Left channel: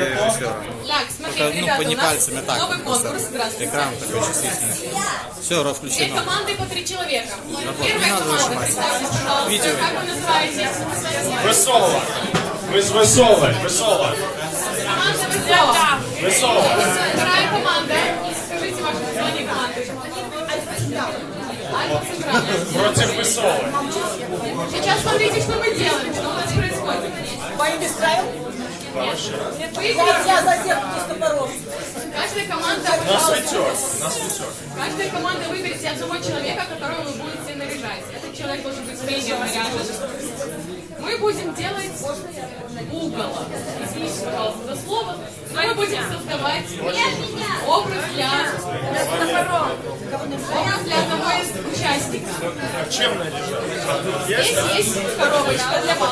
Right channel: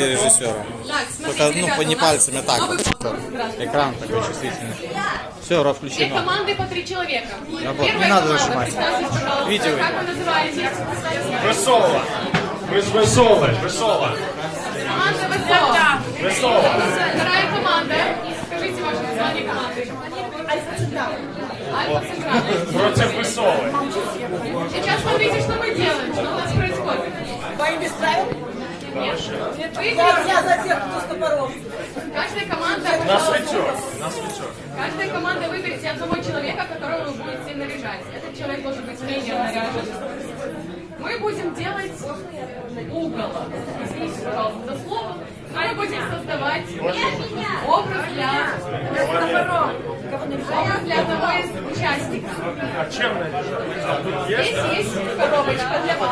для режиссера. Так, смотрите, Только, ребята, не у нас пальцами, а так. новый Вот, чисто. конкурс. Здравствуйте. Экран такой чувствительный. Все, Две расключено. команды по 3 человека. вот, Первая не надо команда, нажимать. представьте, пожалуйста, Видео. как вы называетесь? Весело. Весело. Весело. Команда Весело. Весело. Вторая команда. Скажите ваше название команды. Альфа Централ. Против Весело. Сейчас смотрите, что мы делаем, что у нас происходит. Нет, вы каждая команда, каждая команда выберет себе одного человека, которого вы будете наряжать. Этот человек должен быть среднего наряжен. Мы будем делать угол. Извините, пожалуйста, за слово. Мы будем создавать образ для одного из участников. Чем наряжать? Здесь есть коробочка для вас.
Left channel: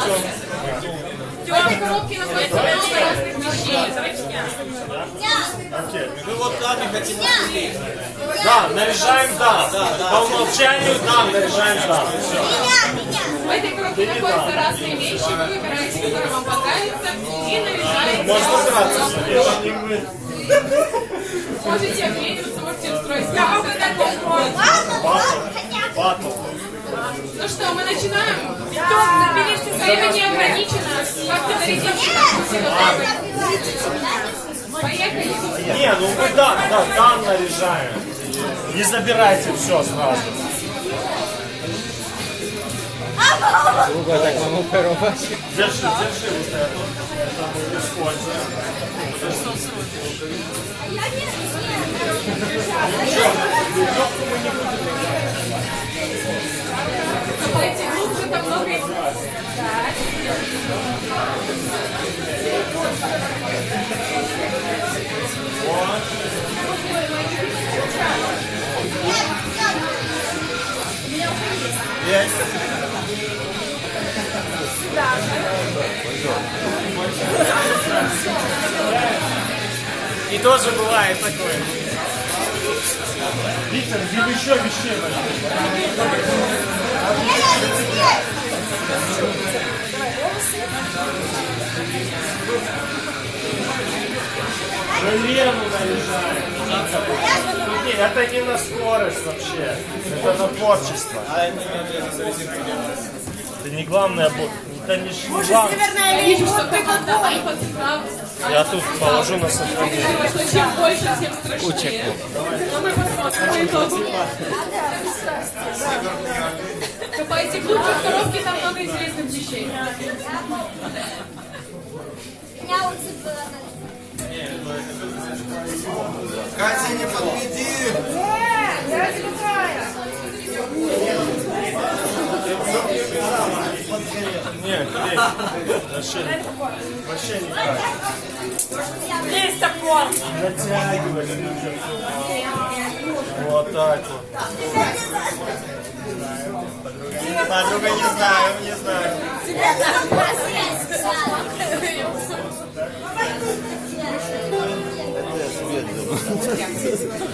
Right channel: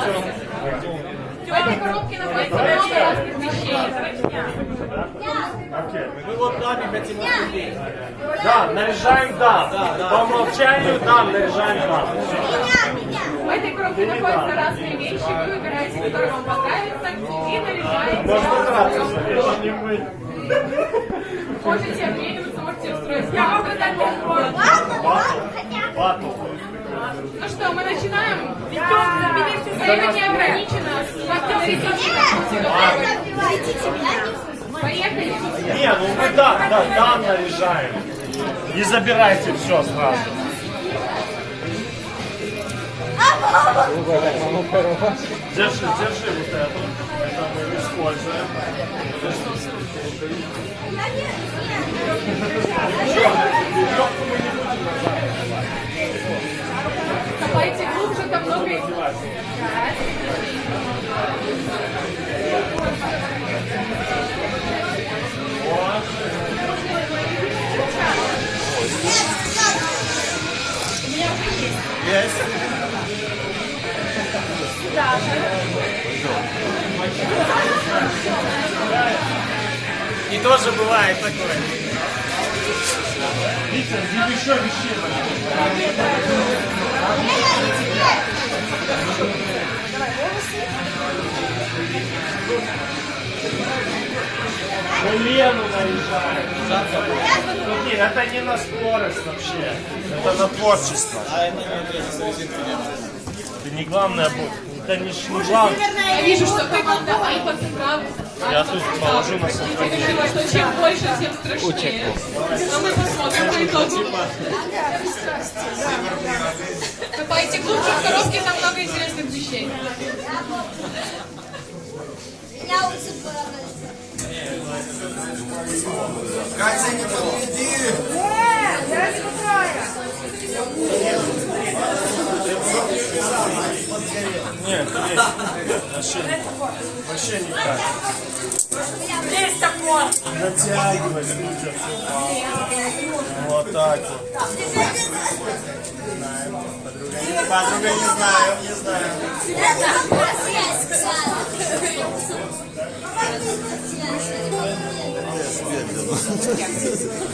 В этой коробке находится много разных вещей. Окей. Мы вот нами хотим обсудить. Да, наряжаем да. По умолчанию да, наряжаем да. В этой коробке находятся разные вещи. Вы выбираете, который вам понравится, и наряжаете. Можете обмениваться, можете устроить. Батл. Ну что, мы начинаем? Время не ограничено. Как говорите, поехали. Не, ну мы да наряжаем. Не забирайте все сразу. Держи вот эту. Это мы используем. Копайте глубже, там много их. Так. И тоже бывает такое. Виктор, где еще вещей? Лену наряжаем. Смотри, это не на скорость вообще. Это на творчество. А это не ответится резинка. Это не главное, это не главное. Я вижу, что команда Альфа Централ. Я тут положу на сохранение. Что чем больше, тем страшнее. Но мы посмотрим по итогу. Копайте глубже в коробке, там много интересных вещей. Катя, не подведи! Нет, вообще никак. Есть такое. Натягивать нужно. Вот так вот. Подруга, не знаю.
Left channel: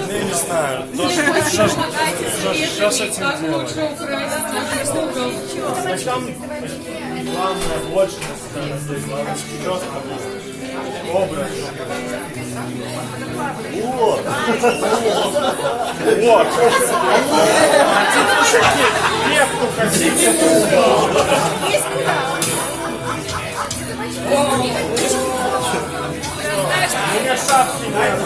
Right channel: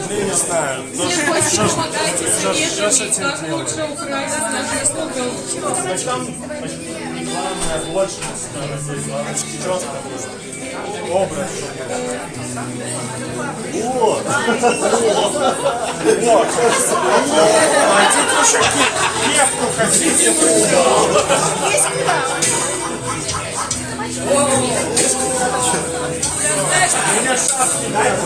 Я не знаю. Всем очень помогайте Сейчас советами, как лучше украсить наш угол. там главное точность, главное четко образ. Вот. Вот. Хотите еще кепку, хотите? Есть куда? У меня шапки нет.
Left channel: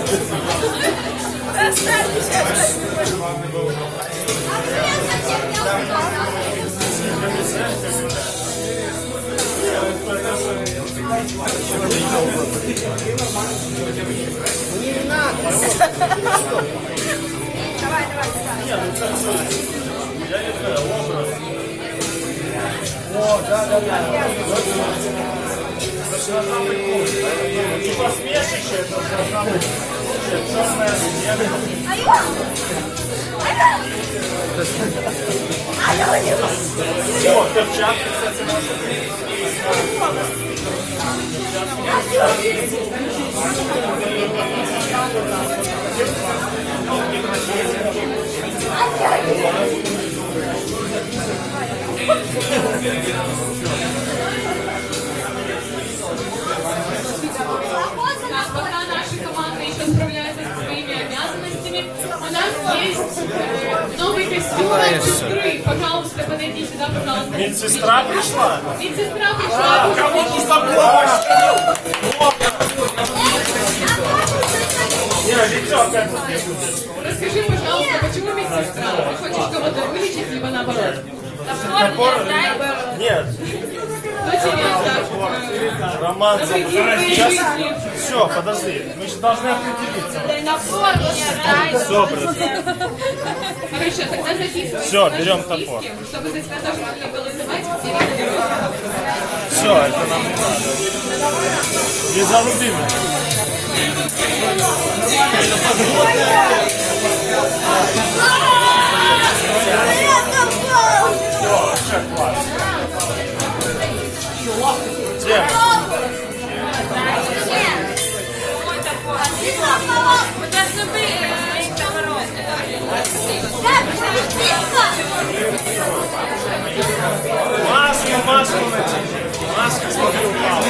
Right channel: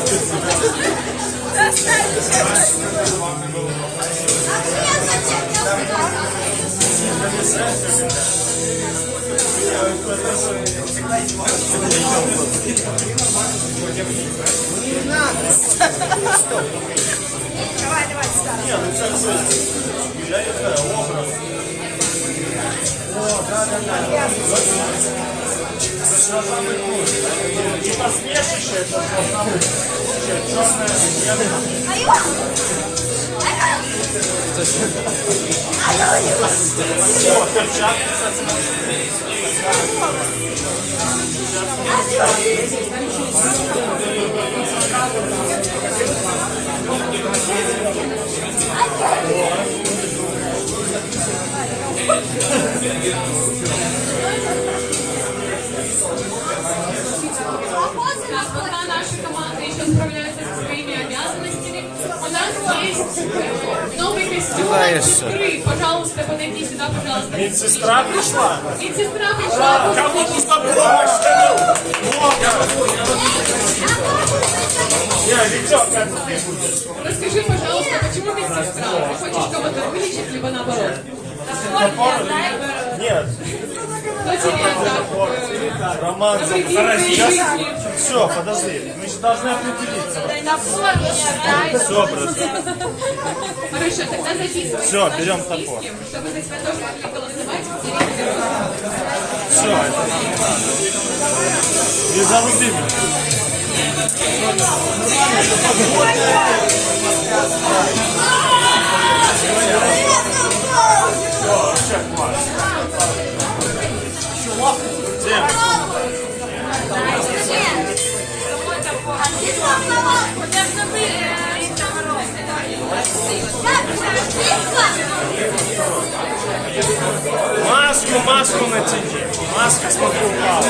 Нет, ну как бы, я не знаю, образ. О, да. Не посмешище, это черная смена. О, перчатки, А Кидаешься. Сестры, пожалуйста, подойди сюда, пожалуйста. Медсестра пришла? Медсестра пришла. Не, дитё, как ты будешь? Расскажи, пожалуйста, почему медсестра? Ты хочешь кого-то вылечить, либо наоборот? Нет, Кто тебе так Роман. навредил твоей жизни? Все, подожди. Мы же должны определиться. Все, брат. Хорошо, тогда записывай. Всё, наши берем списки, топор. чтобы за тебя тоже могли голосовать все виды. Все, это нам надо. Не заруби меня. Маску натяни. Маска смотри упала.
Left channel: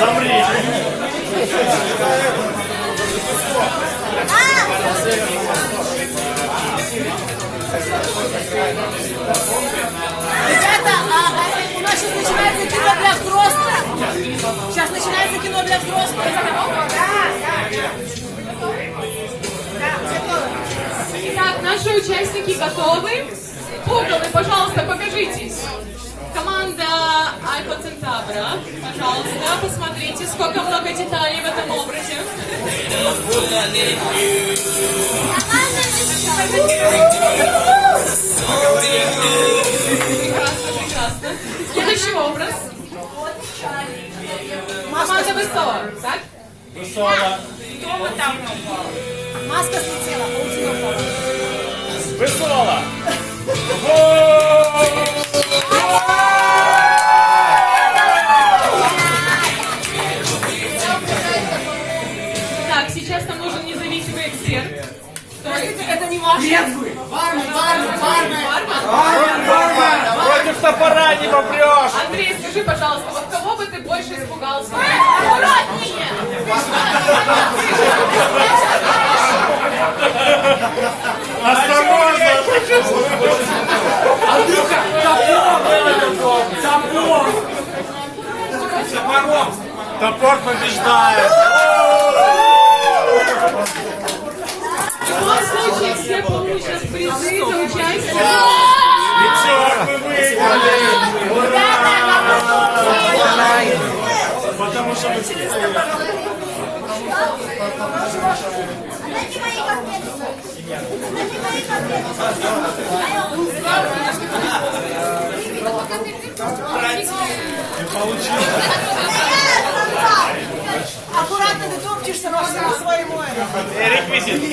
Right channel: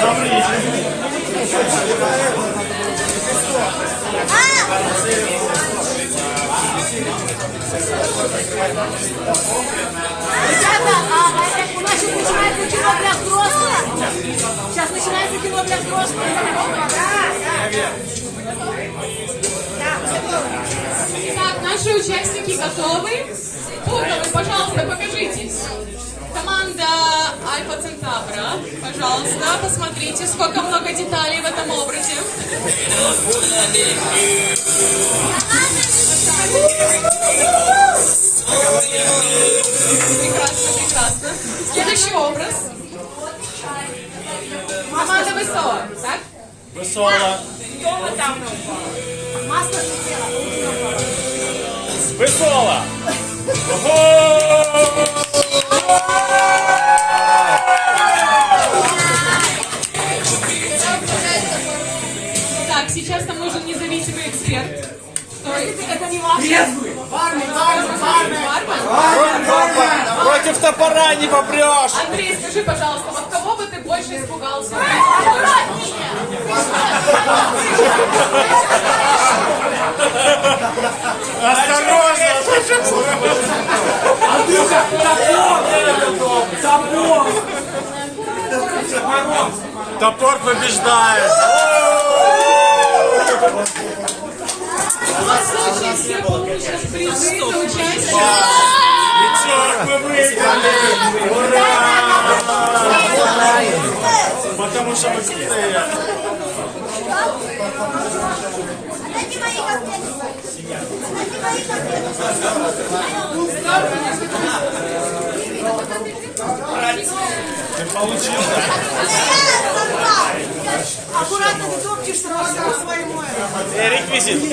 Замри. Ребята, у нас сейчас начинается кино для взрослых. Сейчас начинается кино для взрослых. Итак, наши участники готовы. Уголы, пожалуйста, покажитесь. Команда Альфа Центавра, пожалуйста, посмотрите, сколько много деталей в этом образе. Прекрасно, прекрасно. Следующий образ. Команда ВСО, так? Высола. Маска слетела. Высола. Так, сейчас нам нужен независимый эксперт. Это не важно. Против топора не попрешь. Андрей, скажи, пожалуйста, вот кого бы ты больше испугался? Осторожно. Топор побеждает. В любом случае, все получат призы за участие. Потому что мы здесь. Дайте мои конфеты. Дайте мои конфеты. Аккуратно ты топчешься во всему своему. Реквизит.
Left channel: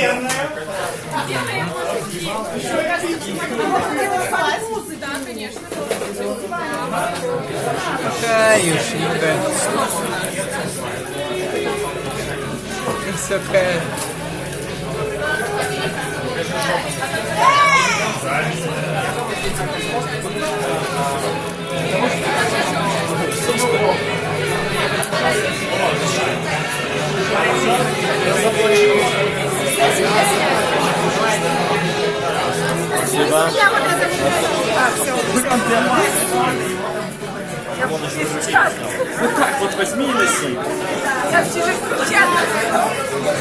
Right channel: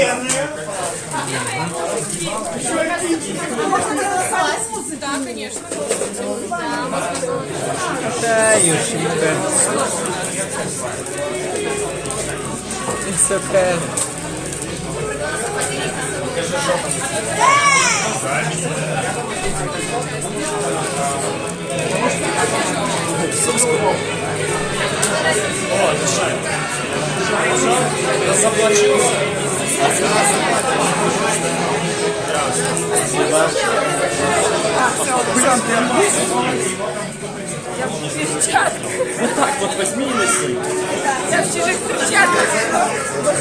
Да, конечно. Каюшенька. Высокая. Вот так вот возьми и неси.